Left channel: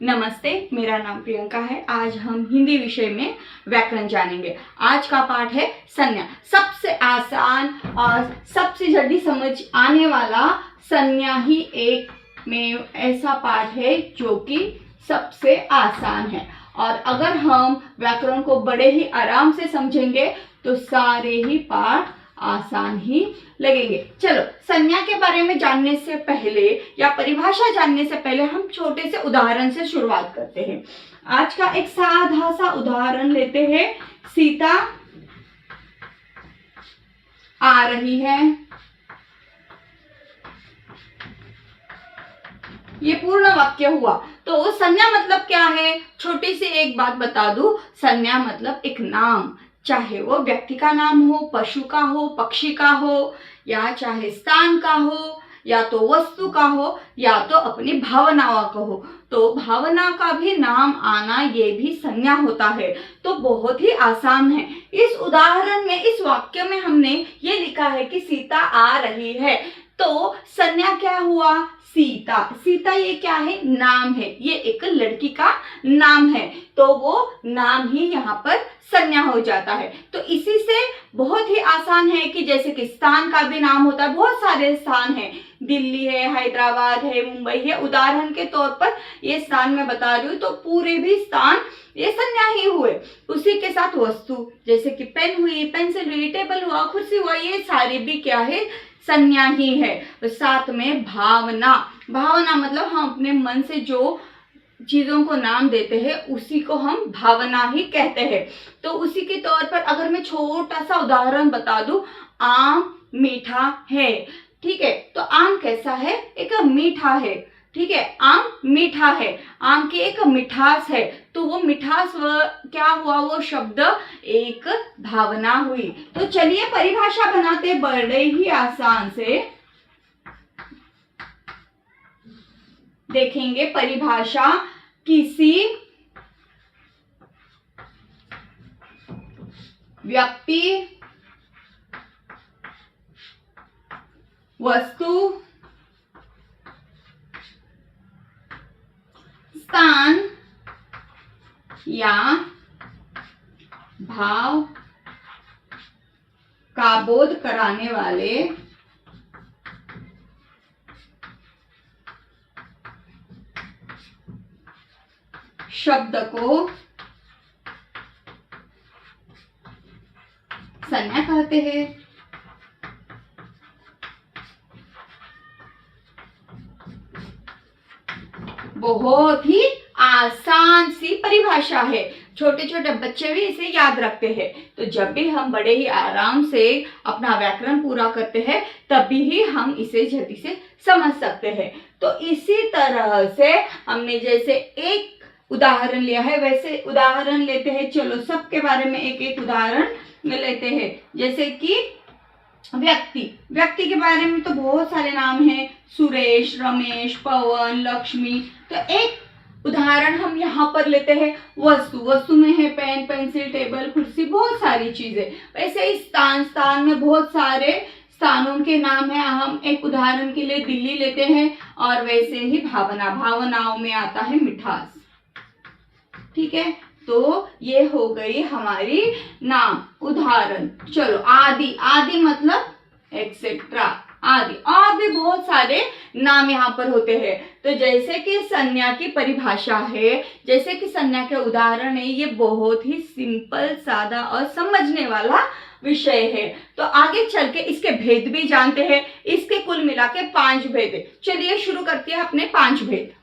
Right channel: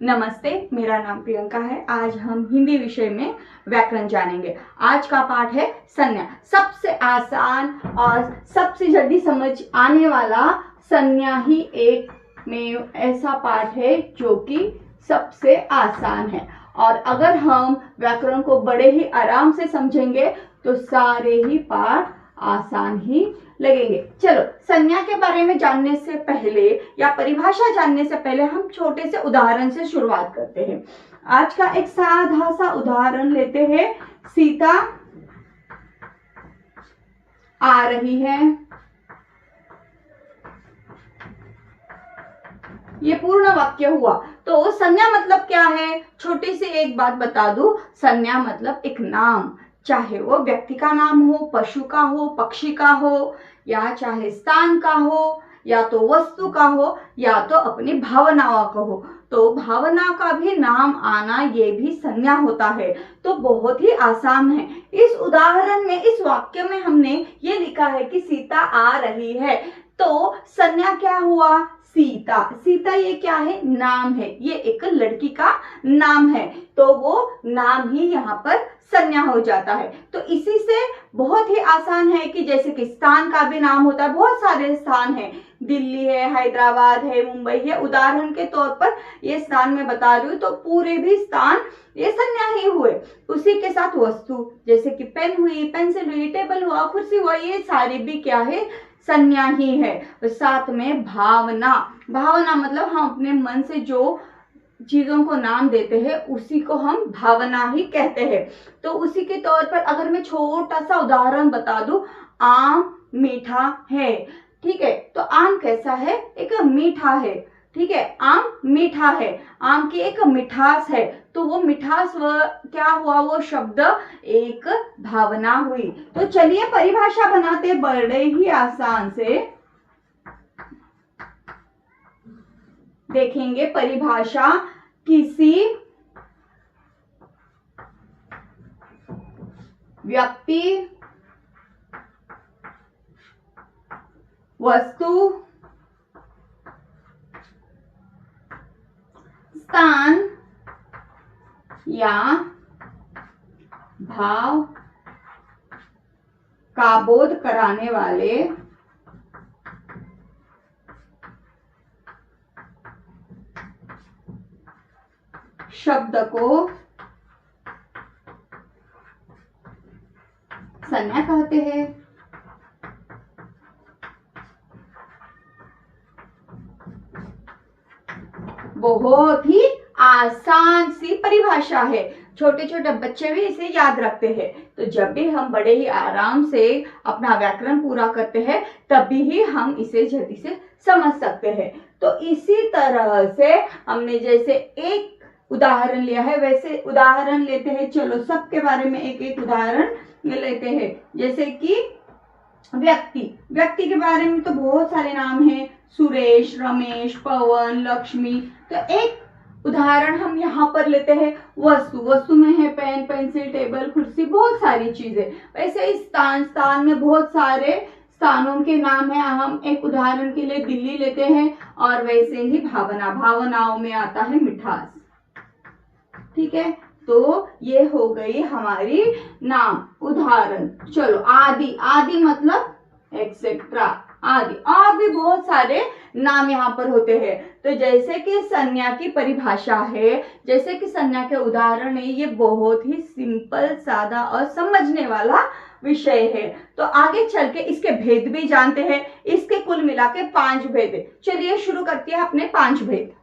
नमस्ते, मेरा नाम प्रियंका है। आज हम हिंदी विषय में व्याकरण जानेंगे। आज का पाठ है संज्ञा। सबसे आसान और सबसे जल्दी समझ आने वाला संज्ञा ही एक में ऐसा पाठ है जो कि सबसे आसान है। और अगर हम व्याकरण को बड़े ही आराम से समझेंगे तो सारे ही पाठ आसान ही लगेंगे। चलो, संज्ञा के बारे में जानने से पहले या परिभाषा जानने से पहले हम छोटे से उदाहरण से शुरुआत करते हैं। आज का एक साधा सा उदाहरण लेते हैं। सीता आ रही है। ये पूर्ण वाक्य हुआ। तो संज्ञा मतलब क्या है? छोटी सी एक बात बता दूं, संज्ञा मतलब एक नाम, चाहे वो व्यक्ति का नाम हो, पशु का हो, पक्षी का हो, या चाहे स्थान का हो, या तो वस्तु का हो, या तो अपनी भावनाओं का हो। तो भावना का भी नाम आना ये भी संज्ञा होता है। तो बहुत ही आसान है। इस उदाहरण में, इस वाक्य में हमने ये लिखा है कि सीता आ रही है। तो संज्ञा क्या हुआ? सीता। सीता ये क्या है? नाम है। ये एक लड़की का नाम है, तो वो नाम ही यहाँ पर संज्ञा हो जाता है। तो इसी से बहुत ही आसान है कि जैसे कि स्थान का भी नाम होता है। बहुत सारे स्थान हैं, दिल्ली है, हैदराबाद है, मुंबई है। उदाहरण के तौर पर ये स्थान मैं बता रही हूँ, तो पूरे भी स्थान ये संज्ञा ही हुए। उसी के साथ वस्तु, जैसे कि पेन हुई, पेंसिल हुई, टेबल हुआ, कुर्सी हुआ, ये सारे भी क्या है? संज्ञा ही है। तो साथ में भावना। भावना मतलब हम अपने मन से जो चीजों को नाम देते हैं उसी को हम भावना ही कहते हैं। तो उसी के तौर पर अगर मैं छोटा सा उदाहरण बता दूं, आम मीठा है। ठीक है, तो आम कैसा है? एक मीठा है। ठीक है, आम मीठा है, आम की एक मिठास है। तो वो मिठास क्या हुआ? वो शब्द एक भावना हुई। तो चलिए परिभाषा बनाते बड़े ही आसान से देखेंगे। परिभाषा किसी व्यक्ति, वस्तु, स्थान या भाव का बोध कराने वाले शब्द को संज्ञा कहते हैं। बहुत ही आसान सी परिभाषा है। छोटे छोटे बच्चे भी इसे याद रखते हैं। तो जब भी हम बड़े ही आराम से अपना व्याकरण पूरा करते हैं तभी ही हम इसे जल्दी से समझ सकते हैं। तो इसी तरह से हमने जैसे एक उदाहरण लिया है वैसे उदाहरण लेते हैं। चलो, सबके बारे में एक एक उदाहरण लेते हैं। जैसे कि व्यक्ति के बारे में तो बहुत सारे नाम हैं, सुरेश, रमेश, पवन, लक्ष्मी। तो एक उदाहरण हम यहाँ पर लेते हैं। वस्तु में है पेन, पेंसिल, टेबल, कुर्सी, बहुत सारी चीजें। वैसे ही स्थान में बहुत सारे स्थानों के नाम है। हम एक उदाहरण के लिए दिल्ली लेते हैं। और वैसे ही भावनाओं में आता है मिठास। ठीक है, तो ये हो गई हमारी नाम उदाहरण। चलो, आदि मतलब एक्सेट्रा, आदि। और भी बहुत सारे नाम यहाँ पर होते हैं। तो जैसे कि संज्ञा की परिभाषा है, जैसे कि संज्ञा के उदाहरण है, ये बहुत ही सिंपल, सादा और समझने वाला विषय है। तो आगे चल के इसके भेद भी जानते हैं। इसके कुल मिला के 5 भेद है। चलिए शुरू करते हैं अपने 5 भेद।